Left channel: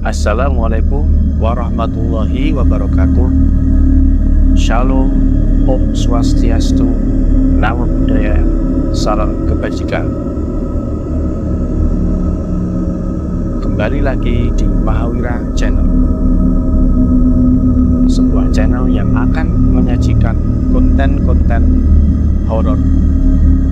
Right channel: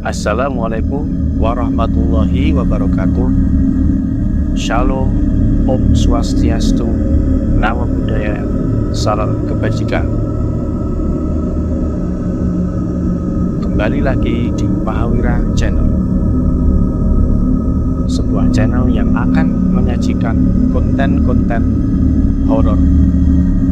Assalamualaikum warahmatullahi wabarakatuh. Shalom, Om Swastiastu, Namo Buddhaya, Salam Kebajikan. Kembali lagi di Mahawira Channel, sebuah channel yang akan menyajikan konten-konten horor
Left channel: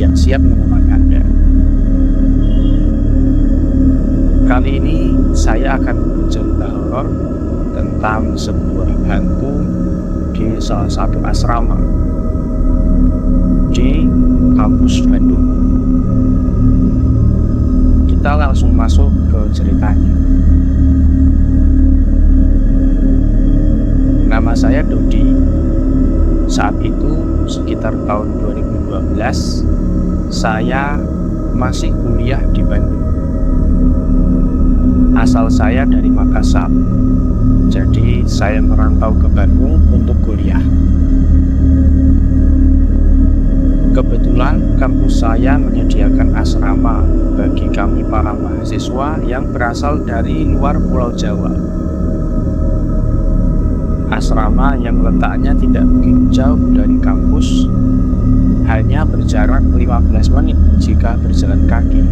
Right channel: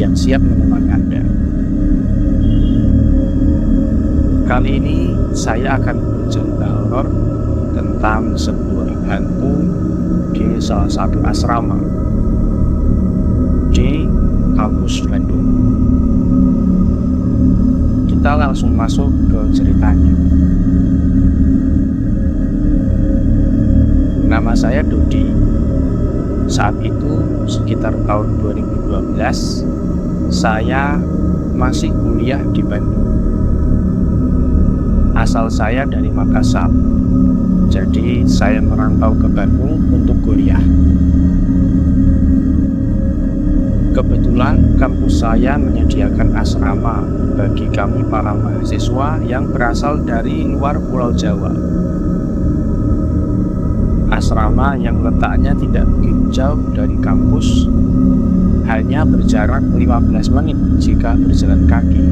yang siap menemani Anda. Kali ini saya akan bercerita horor tentang sebuah hantu di salah satu asrama di kampus Bandung. Kita langsung masuk ke ceritanya. Nama saya Dodi. Saat itu sekitar tahun 2012, saya masih kuliah di Bandung. Asal saya dari Makassar, jadi saya merantau ke Bandung untuk kuliah. Kebetulan kampus saya menyediakan asrama bagi kami para mahasiswa yang berasal dari luar Pulau Jawa. Asrama yang letaknya tidak begitu jauh dari kampus, hanya berjarak 15 menit jika berjalan kaki.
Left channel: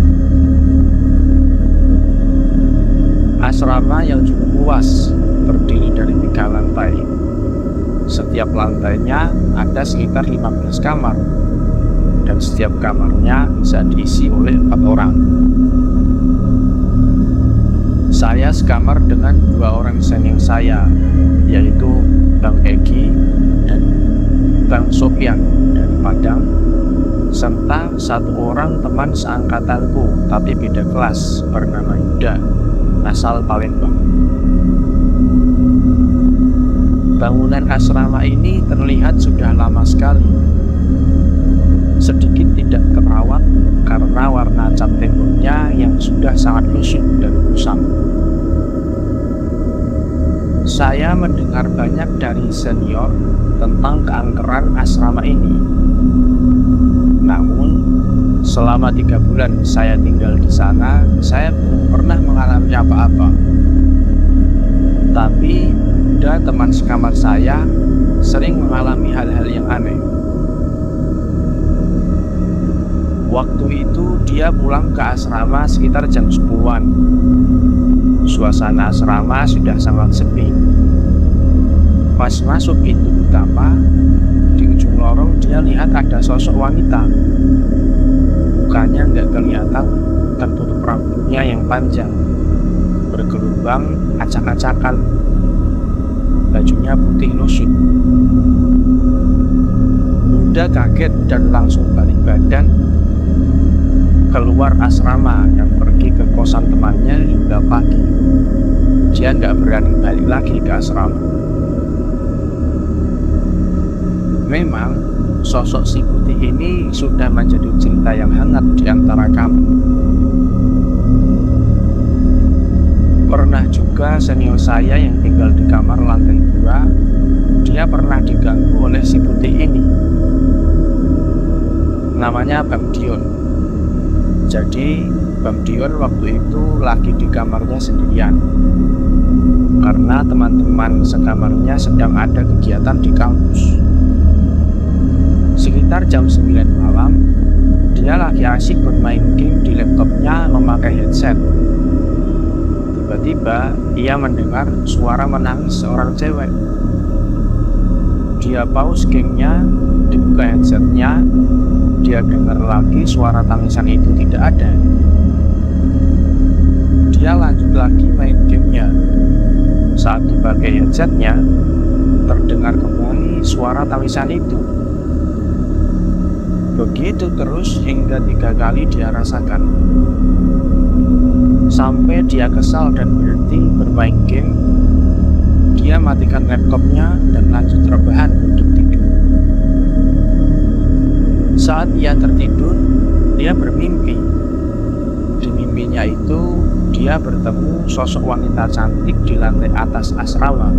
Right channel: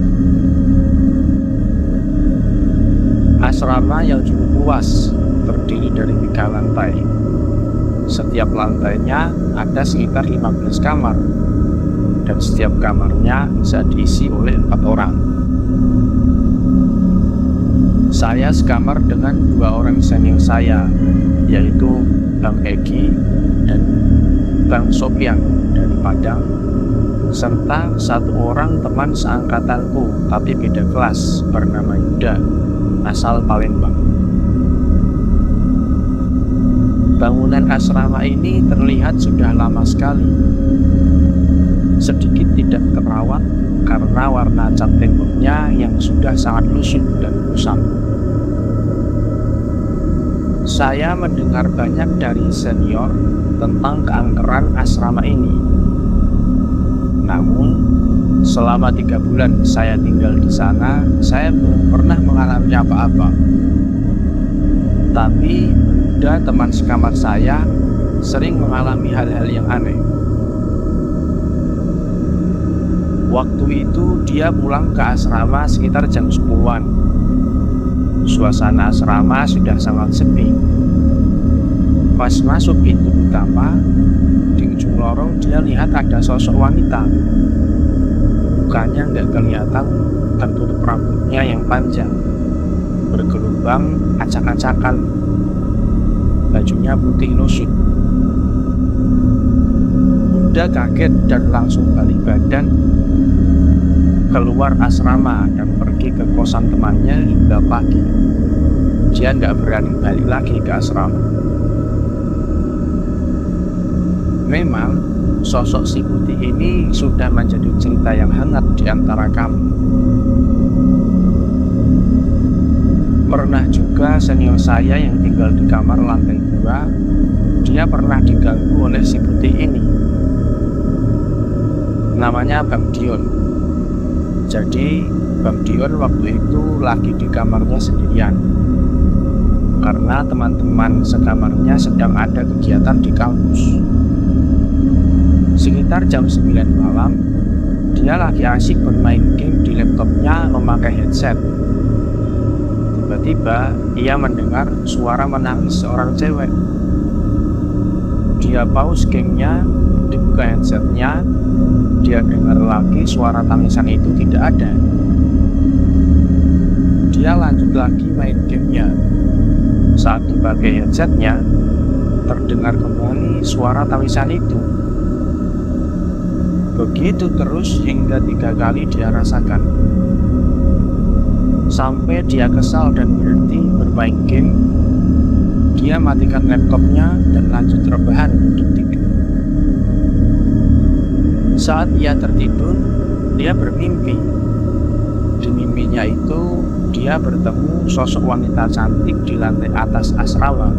Asrama yang cukup luas, terdiri dari 3 lantai. Setiap lantainya ada sekitar 15 kamar, dan setiap kamarnya bisa diisi oleh 4 orang. Saya sekamar dengan 2 orang senior saya, yaitu Bang Egi dan Bang Sopian dari Padang, serta 1 orang teman seangkatanku tapi beda kelas bernama Yuda, asal Palembang. Bangunan asrama ini terlihat sudah lama sekali, sedikit tidak terawat karena warna cat temboknya yang sudah sangat lusuh dan kusam. Saya mendengar banyak dari senior tentang keangkeran asrama ini. Namun selama 3 bulan saya tinggal di sana, saya belum pernah mengalami apa-apa. Tapi Yuda, teman sekamar saya, sering mengalami hal-hal yang aneh. Waktu itu dia pulang ke asrama sekitar jam 10-an. Suasana asrama sudah sangat sepi. Pas masuk pintu utama, di ujung lorong dia lihat ada sosok wanita. Mukanya nggak kelihatan, tertutup rambutnya yang panjang, bergelubang, acak-acakan, bajunya putih lusuh. Udah kaget dan langsung balik badan keluar asrama dan pergi ke kosan temannya hingga pagi. Dia nggak berani balik lagi ke asrama. Memang sosok si putih ini sudah menjadi cerita yang hangat di antara kami. Pernah juga senior saya yang tinggal di kamar lantai 2, dia pernah diganggu oleh si putih ini. Namanya Bang Dion. Jadi Bang Dion waktu itu lagi di kamarnya sendirian, karena teman-teman sekamarnya sedang ada kegiatan di kampus. Sekitar jam 9 malam, dia lagi asik bermain game di laptopnya memakai headset. Tiba-tiba ia mendengar suara menangis seorang cewek. Dia pause gamenya, dibuka headsetnya, dia dengar lagi suara tangisan itu tidak ada. Dia lanjut lagi main gamenya. Saat dipakai headsetnya, terdengar kembali suara tangisan itu. Begitu terus hingga 3 kali dia rasakan. Sampai dia kesal dan berhenti bermain game, dia matikan laptopnya dan lanjut rebahan untuk tidur. Saat ia tertidur, dia bermimpi. Di mimpinya itu, dia bertemu sosok wanita cantik di lantai atas asrama.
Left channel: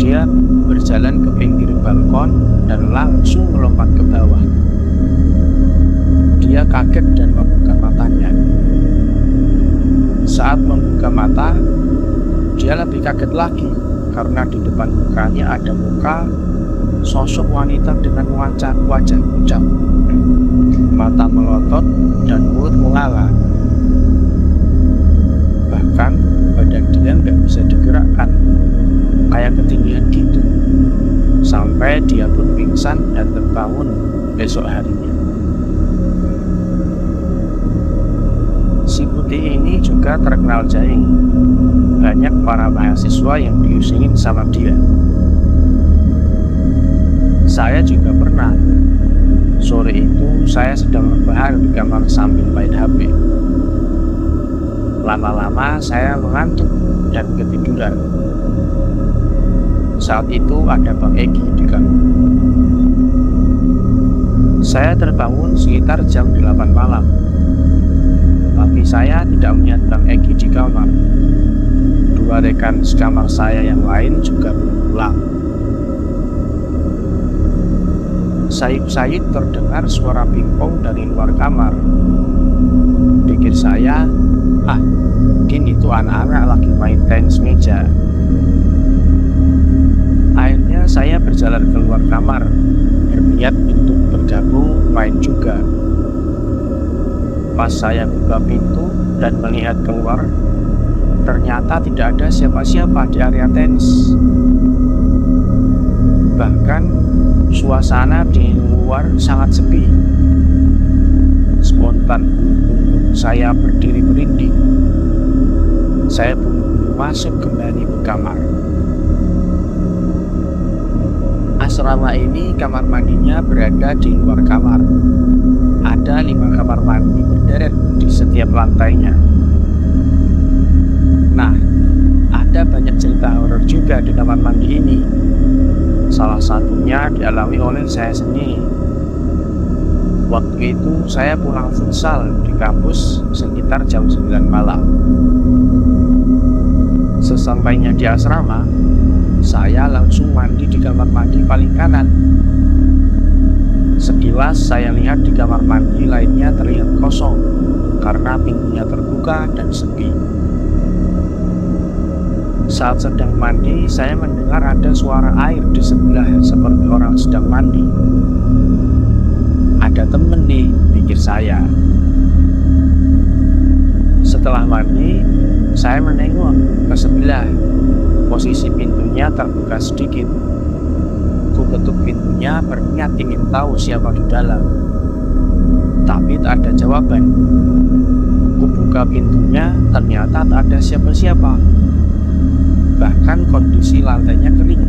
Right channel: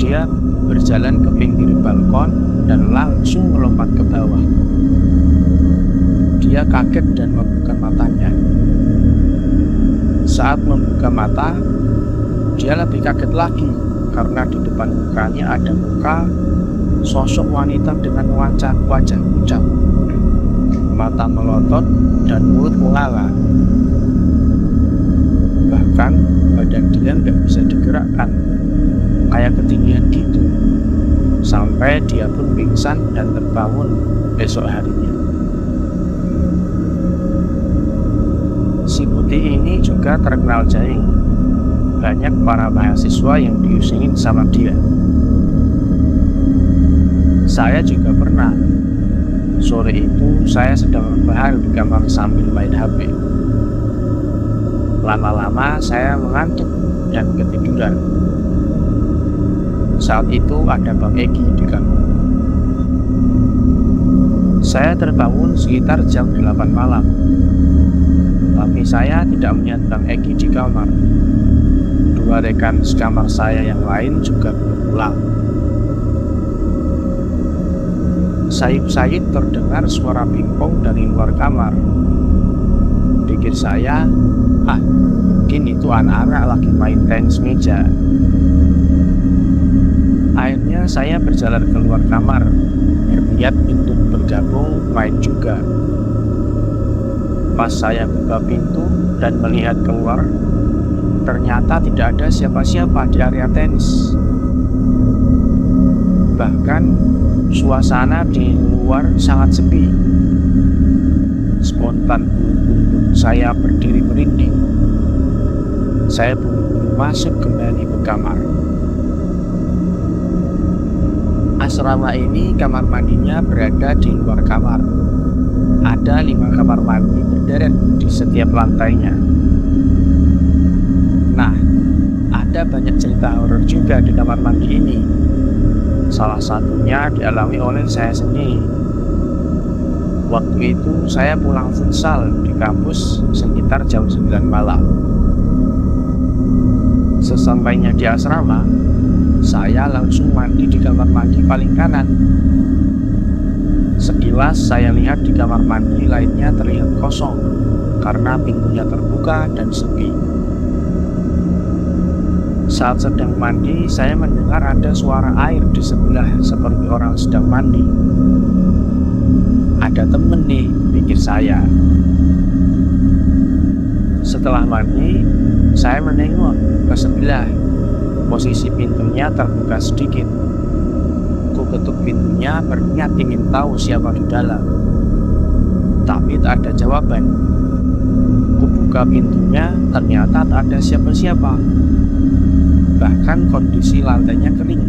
Dia berjalan ke pinggir balkon dan langsung melompat ke bawah. dia kaget dan membuka matanya. Saat membuka mata, dia lebih kaget lagi karena di depan mukanya ada muka sosok wanita dengan wajah pucat, mata melotot dan mulut menganga. Bahkan badan dia nggak bisa digerakkan, kayak ketinggian gitu, sampai dia pun pingsan dan terbangun esok harinya. Si putih ini juga terkenal jahil. Banyak para mahasiswa yang diusingin sama dia. Saya juga pernah. Sore itu saya sedang rebahan di kamar sambil main HP. Lama-lama saya mengantuk dan ketiduran. Saat itu ada Bang Egi di kamar. Saya terbangun sekitar jam 8 malam. Tapi saya tidak melihat Bang Egi di kamar. Dua rekan sekamar saya yang lain juga belum pulang. Sayup-sayup terdengar suara pingpong dari luar kamar. Pikir saya, mungkin itu anak-anak lagi main tenis meja. Akhirnya saya berjalan keluar kamar, berniat untuk bergabung main juga. Pas saya buka pintu dan melihat keluar, ternyata tidak ada siapa-siapa di area tenis. Bahkan suasana di luar sangat sepi. Spontan bulu saya berdiri merinding. Saya buru-buru masuk kembali ke kamar. Asrama ini kamar mandinya berada di luar kamar. Ada 5 kamar mandi berderet di setiap lantainya. Nah, ada banyak cerita horor juga di kamar mandi ini. Salah satunya dialami oleh saya sendiri. Waktu itu saya pulang futsal di kampus sekitar jam 9 malam. Sesampainya di asrama, saya langsung mandi di kamar mandi paling kanan. Sekilas saya lihat di kamar mandi lainnya terlihat kosong karena pintunya terbuka dan sepi. Saat sedang mandi, saya mendengar ada suara air di sebelah seperti orang sedang mandi. Ada temen nih, pikir saya. Setelah mandi, saya menengok ke sebelah. Posisi pintunya terbuka sedikit. Ku ketuk pintunya berniat ingin tahu siapa di dalam. Tapi tak ada jawaban. Ku buka pintunya, ternyata tak ada siapa-siapa. Bahkan kondisi lantainya kering,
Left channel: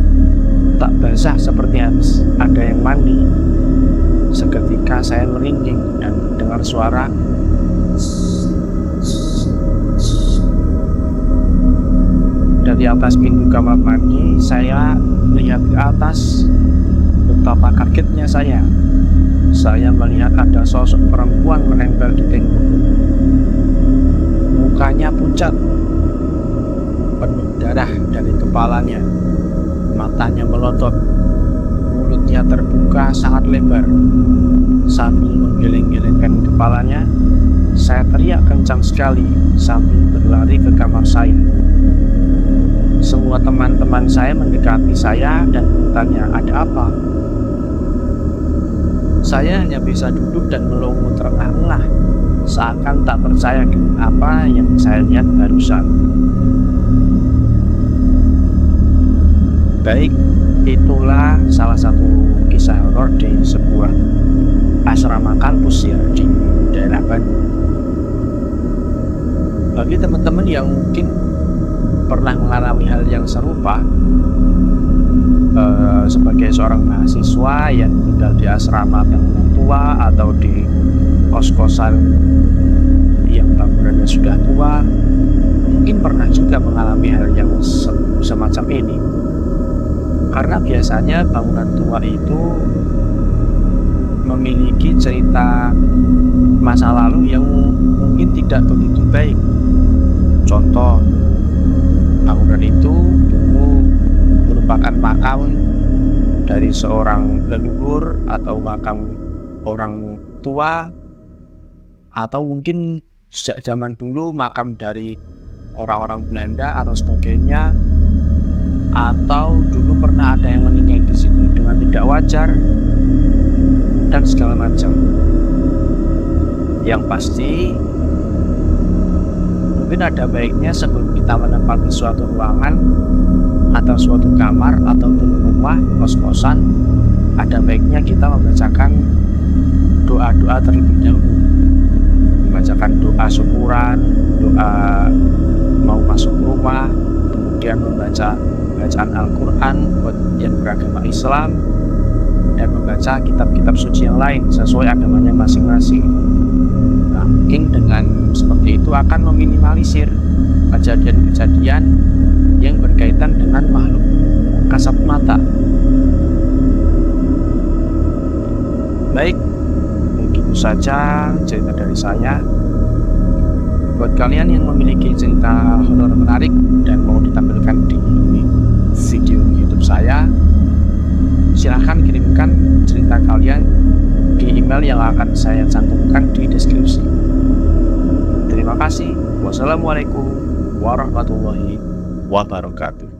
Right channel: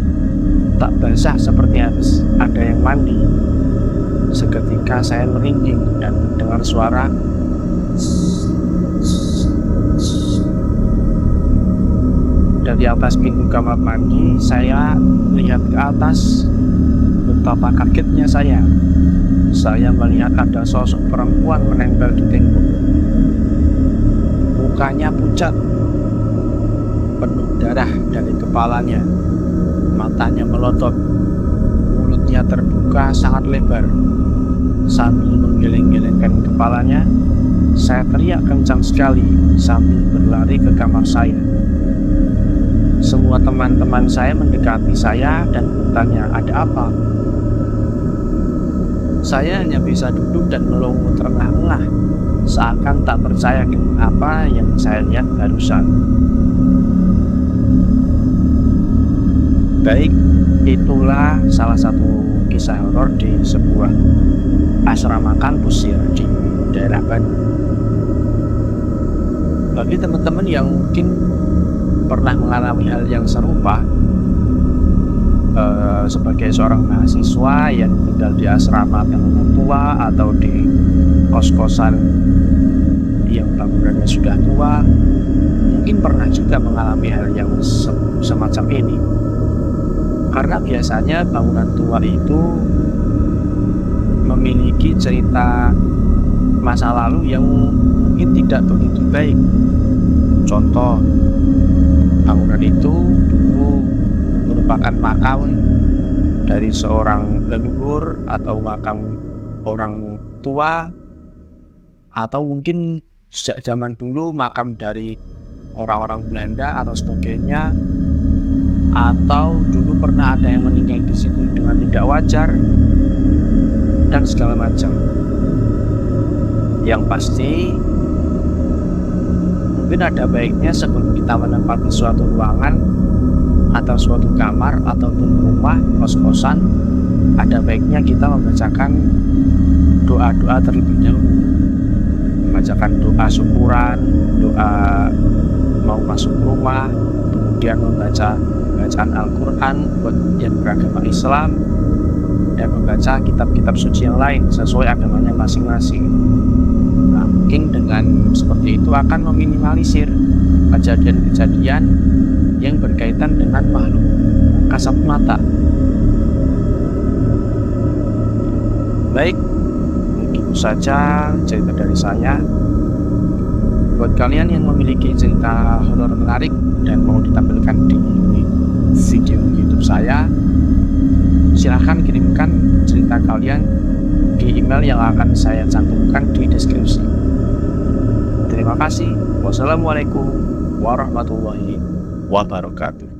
tak basah seperti habis ada yang mandi. Seketika saya merinding dan terdengar suara dari atas pintu kamar mandi. Saya melihat ke atas. Betapa kagetnya saya. Saya melihat ada sosok perempuan menempel di tembok. Mukanya pucat, penuh darah dari kepalanya. Matanya melotot, mulutnya terbuka sangat lebar. Sambil menggeleng-gelengkan kepalanya, saya teriak kencang sekali sambil berlari ke kamar saya. Semua teman-teman saya mendekati saya dan bertanya, ada apa? Saya hanya bisa duduk dan melongo terengah-engah, seakan tak percaya dengan apa yang saya lihat barusan. Baik, itulah salah satu kisah horor di sebuah asrama kampus ya di daerah Bandung. Bagi teman-teman yang mungkin pernah mengalami hal yang serupa, sebagai seorang mahasiswa yang tinggal di asrama bangunan tua atau di kos-kosan yang bangunannya sudah tua, mungkin pernah juga mengalami hal yang semacam ini. Karena biasanya bangunan tua itu memiliki cerita masa lalu yang mungkin tidak begitu baik. Contoh, bangunan itu dulu merupakan makam dari seorang leluhur atau makam orang tua atau mungkin sejak zaman dulu makam dari orang-orang Belanda atau sebagainya, atau dulu pernah ada yang meninggal di situ dengan tidak wajar dan segala macam. Yang pasti mungkin ada baiknya sebelum kita menempati suatu ruangan atau suatu kamar ataupun rumah kos-kosan, ada baiknya kita membacakan doa-doa terlebih dahulu, membacakan doa syukuran, doa mau masuk rumah, kemudian membaca bacaan Al-Quran buat yang beragama Islam, dan membaca kitab-kitab suci yang lain sesuai agamanya masing-masing. Nah, mungkin dengan seperti itu akan meminimalisir kejadian-kejadian yang berkaitan dengan makhluk kasat mata. Baik, mungkin saja cerita dari saya. Buat kalian yang memiliki cerita horor menarik dan mau ditampilkan di video YouTube saya, silahkan kirimkan cerita kalian di email yang akan saya cantumkan di deskripsi. Terima kasih. Wassalamualaikum warahmatullahi wabarakatuh.